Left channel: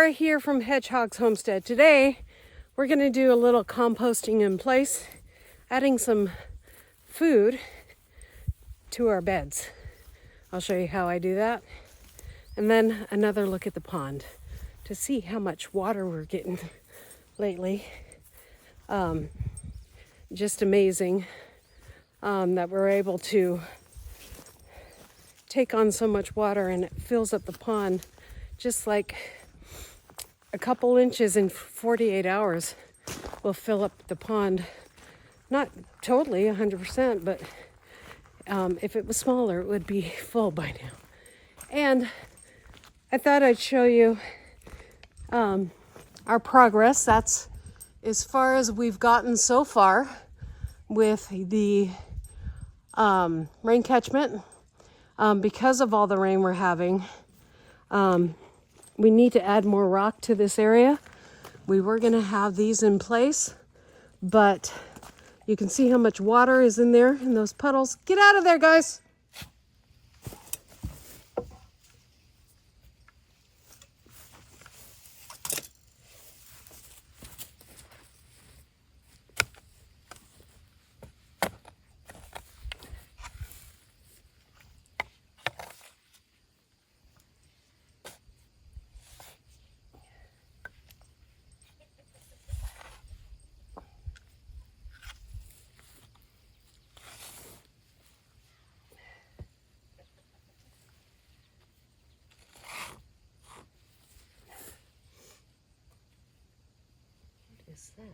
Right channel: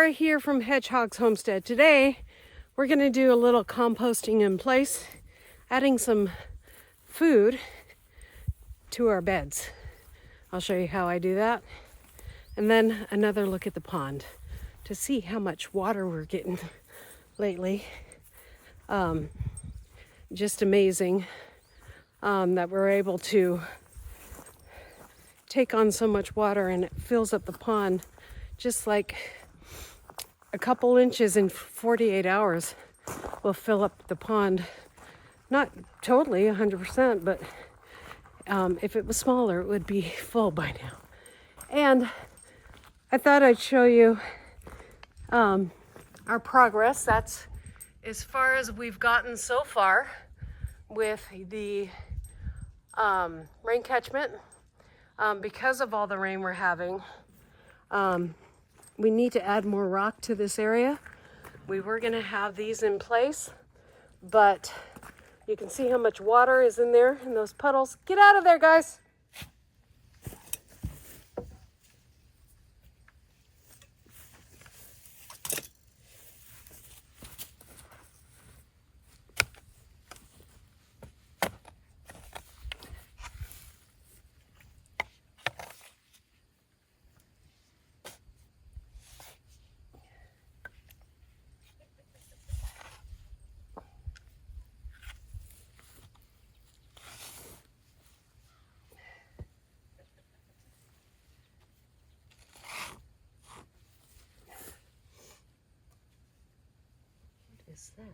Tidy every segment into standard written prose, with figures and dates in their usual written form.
Laura here from Hedgehog's Homestead. Today we're going to do a little composting in place, adding some food to our beds. I'll show you how I do that. And then another look at the pond to see how much water we're getting lately. Just amazing that we're able to take on so much water, and it fills up the pond just like a couple inches in 48 hours will fill up the pond. Not totally 100%, but if it was smaller, it would be full by now. And I thought I'd show you our progress. That's as far as we've gotten so far with the rain catchment. Because of all the rain we're having, we need to add more rock to this area. We were going to have these in place, but you can see how much water is in there in those puddles. Get out of there, guys. What is that?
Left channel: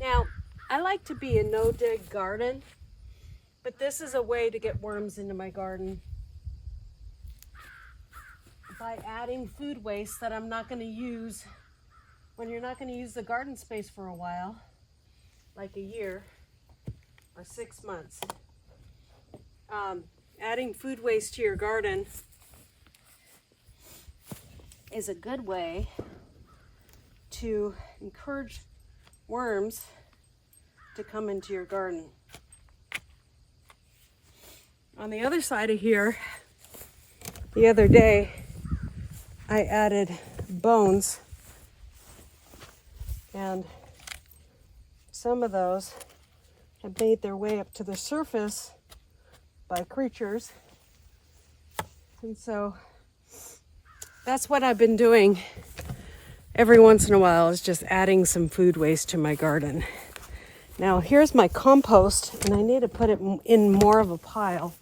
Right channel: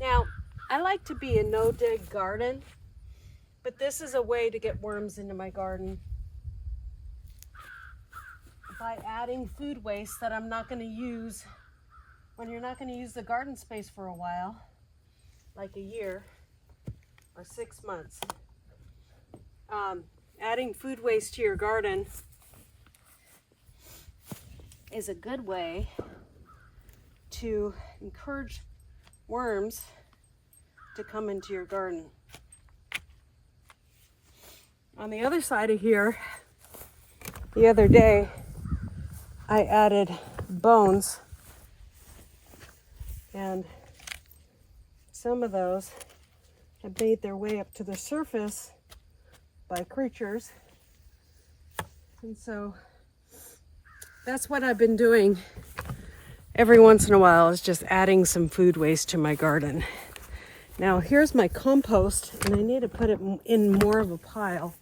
Now, I like to be a no-dig garden, but this is a way to get worms into my garden by adding food waste that I'm not going to use when you're not going to use the garden space for a while, like a year or 6 months. Adding food waste to your garden is a good way to encourage worms to come into your garden. On the other side of here, the other day, I added bones, and some of those have made their way up to the surface by creatures. And so that's what I've been doing every once in a while, is just adding some food waste to my garden. Now here's my compost, and I need to put it in more of a pile.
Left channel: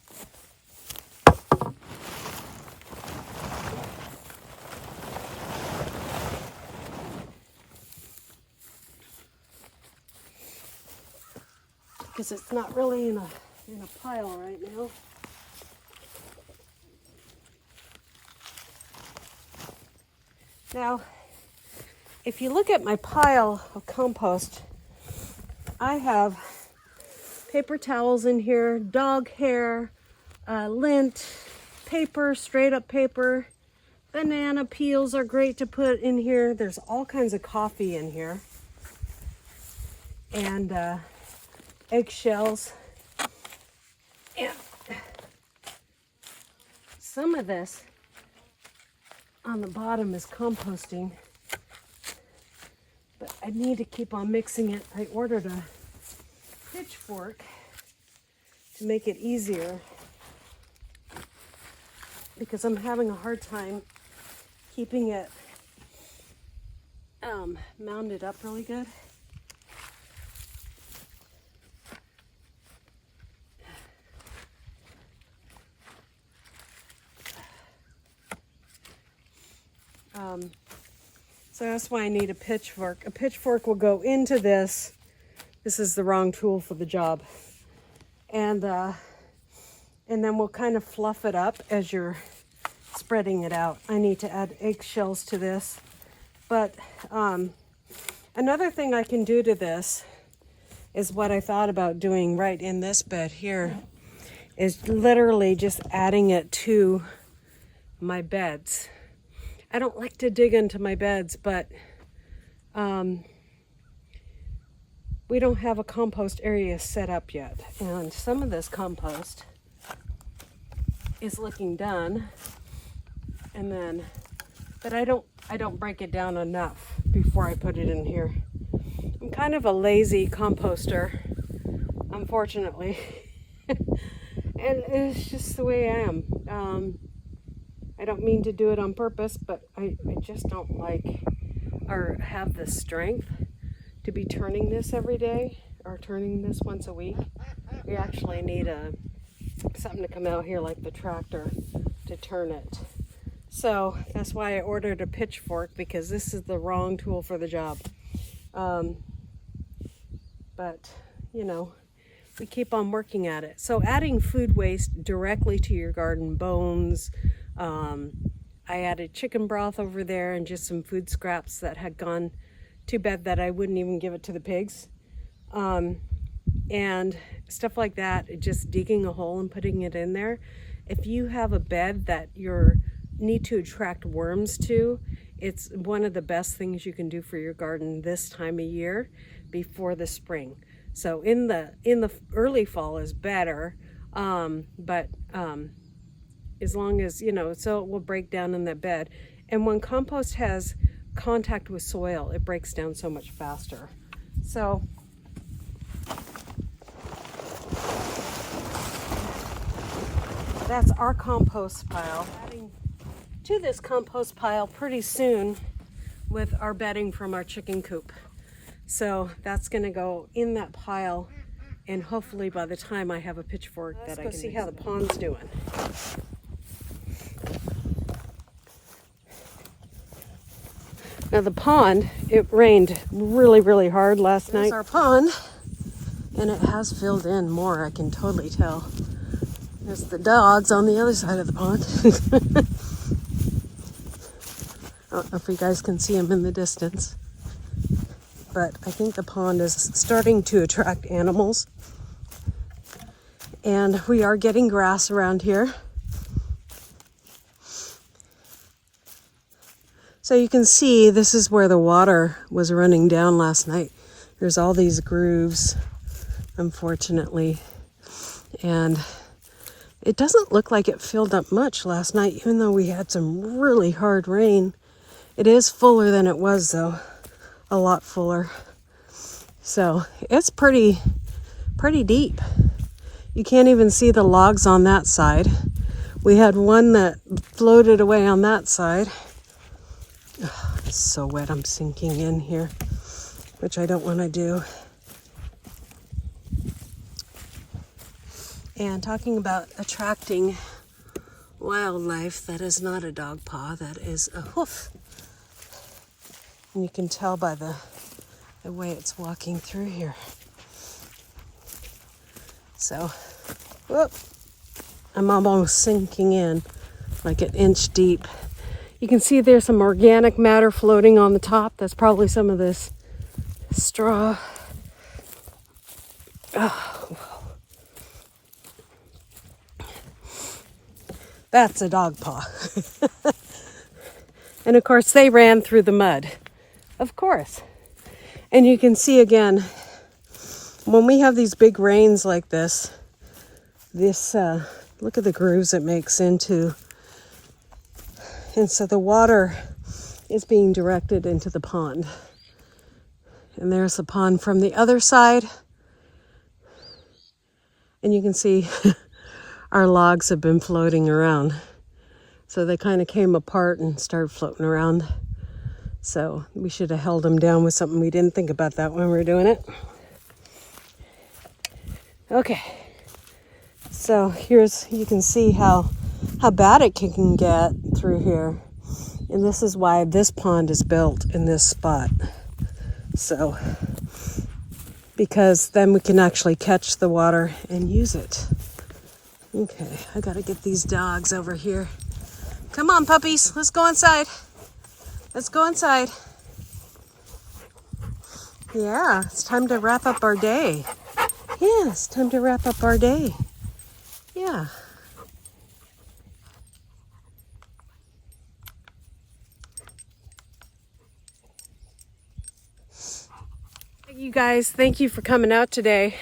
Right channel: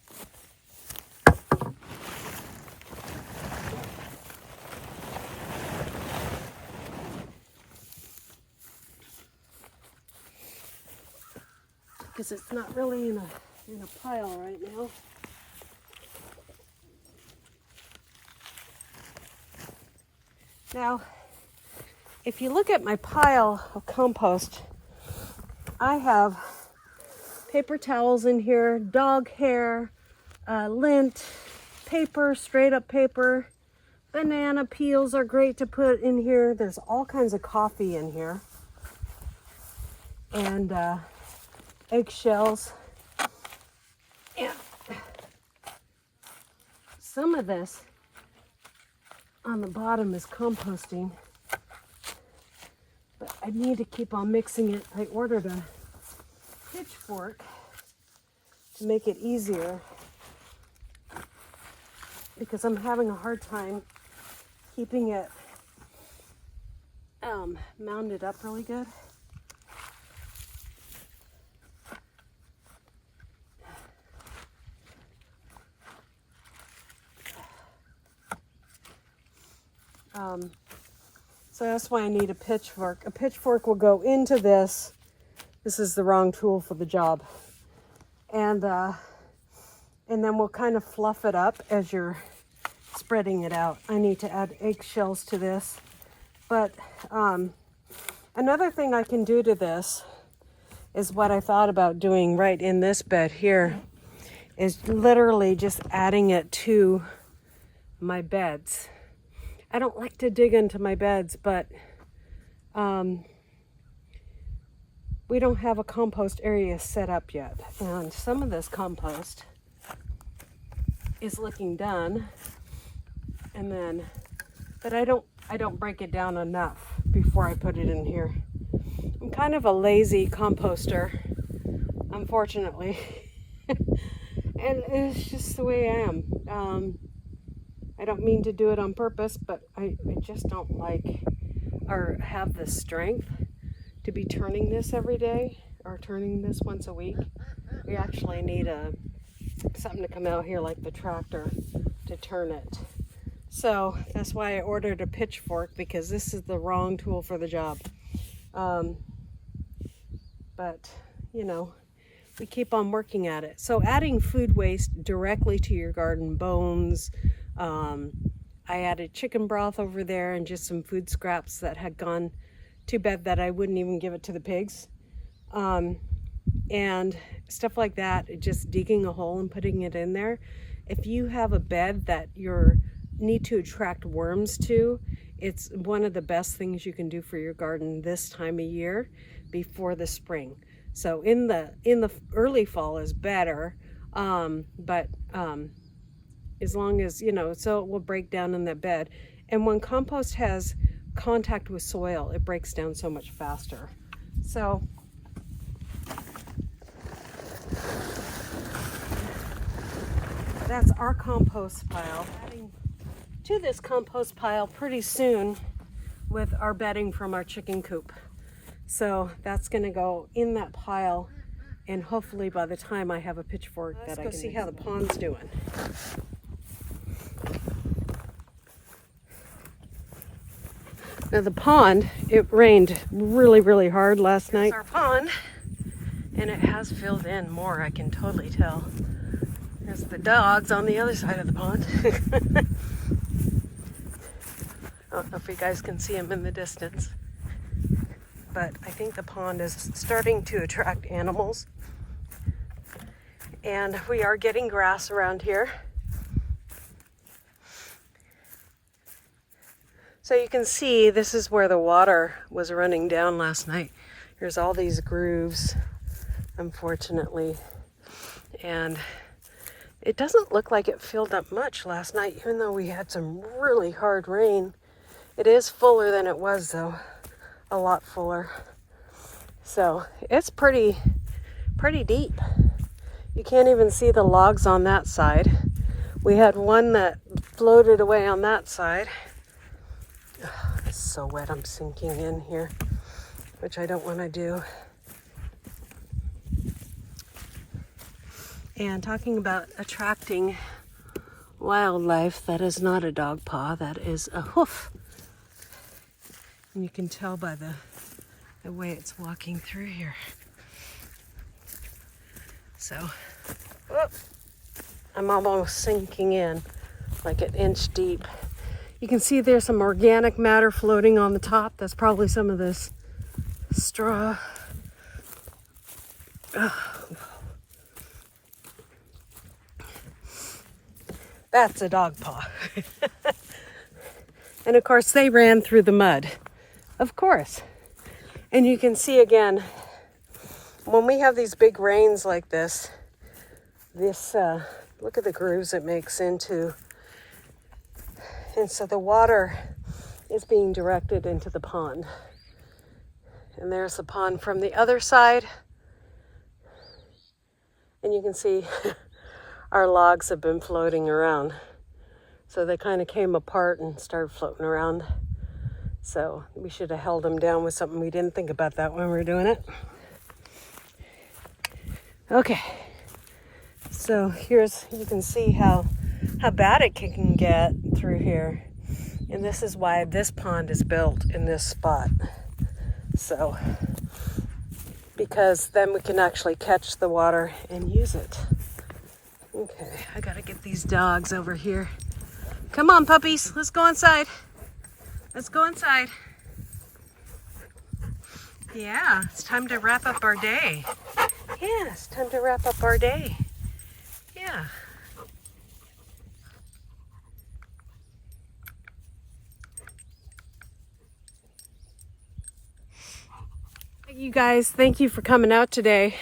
Because it's not really in a pile right now. Now, if you look at my pile of compost, I have paper towels in here, dog hair, lint, paper, straight up paper. Banana peels are great to put in here. There's all kinds of coffee in here. And eggshells. And some of this on the bottom is composting. But I need to keep on mixing it. I ordered a pitchfork to make it easier because I'm having a hard time keeping it mounded up really good. So that's why I need a pitchfork. A pitchfork will go into this. This is the wrong tool for the job. And then we'll kind of fluff it up as you're spreading it out. I need to add eggshells to this. But another thing I can do to this is what I thought about doing right in this bed here, is literally just adding it to my beds. I don't like to dig into my beds, but we don't have a compost area set up yet. And some of this compost is looking done. And then, but I don't break it down enough before I put it in here. I'm kind of a lazy composter, unfortunately. And it's just the way I am. I don't mean to do it on purpose, but I just don't like or have the strength to be turning this every day or turning this once a week. We actually need something to come out here like the tractor to turn it. So that's why I ordered a pitchfork, because this is the wrong tool for the job. But, you know, we keep on working at it. So adding food waste directly to your garden, bones, I added chicken broth over there and just some food scraps that had gone. Too bad that I wouldn't even give it to the pigs. And stuff like that, just digging a hole and putting it in there. If you have a bed that you need to attract worms to, it's one of the best things you can do for your garden this time of year before the spring. So in the early fall is better, but as long as, you know, so it will break down in that bed. And when compost has contact with soil, it breaks down so much faster. So that's our compost pile. Adding to this compost pile pretty soon with our bedding from our chicken coop. So that's going to go in that pile, and hopefully by the time I have a pitchfork that I can see how the pond's doing. Now the pond, it rained really, really hard last night. There's our pond, and it has filled in more, I can totally tell. There's the dogs on the other side of the pond. I don't know if you guys can see them in the distance, but I think the pond is starting to attract animals. And we are getting grass around here. So you can see this is where the water was running down last night. There's all these grooves, unfortunately. And it doesn't look like it filled up much last night, even though we had some really hard rain. It is fuller than it was, though. A lot fuller. So it's pretty deep. You can't even see the logs on that side. We had one that floated away on that side. It's so wet, I'm sinking in here, which I don't want to do. And talking about attracting wildlife, that is not a dog paw, that is a hoof. And you can tell by the way it's walking through here. So, whoop, I'm almost sinking in like an inch deep. You can see there's some organic matter floating on the top. That's probably some of this straw. Oh. That's a dog paw. And of course they ran through the mud, of course. And you can see again, when we have these big rains like this, look at the grooves it makes into. And so the water is being directed into the pond. And there's the pond from the other side. And you can see our logs have been floating around. So they kind of came apart and started floating around. So we should have held them down with something. We didn't think about that when we were doing it. Okay. So you can see how bad it can get through here. And this is why this pond is built in this spot. So, because then we can actually catch the water and use it. Okay, I gotta get these dogs over here. Come on, puppies, let's go inside. Let's go inside. Yeah, it's time to wrap up our day. Yeah, it's time to wrap up our day. Yeah. You guys, thank you for coming out today.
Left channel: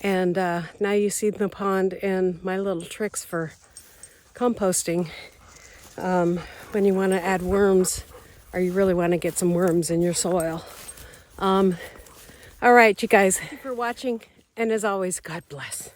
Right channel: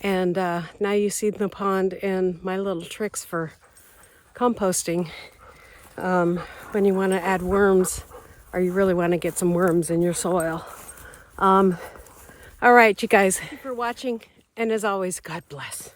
And now you see the pond and my little tricks for composting. When you want to add worms, or you really want to get some worms in your soil. All right, you guys, thank you for watching. And as always, God bless.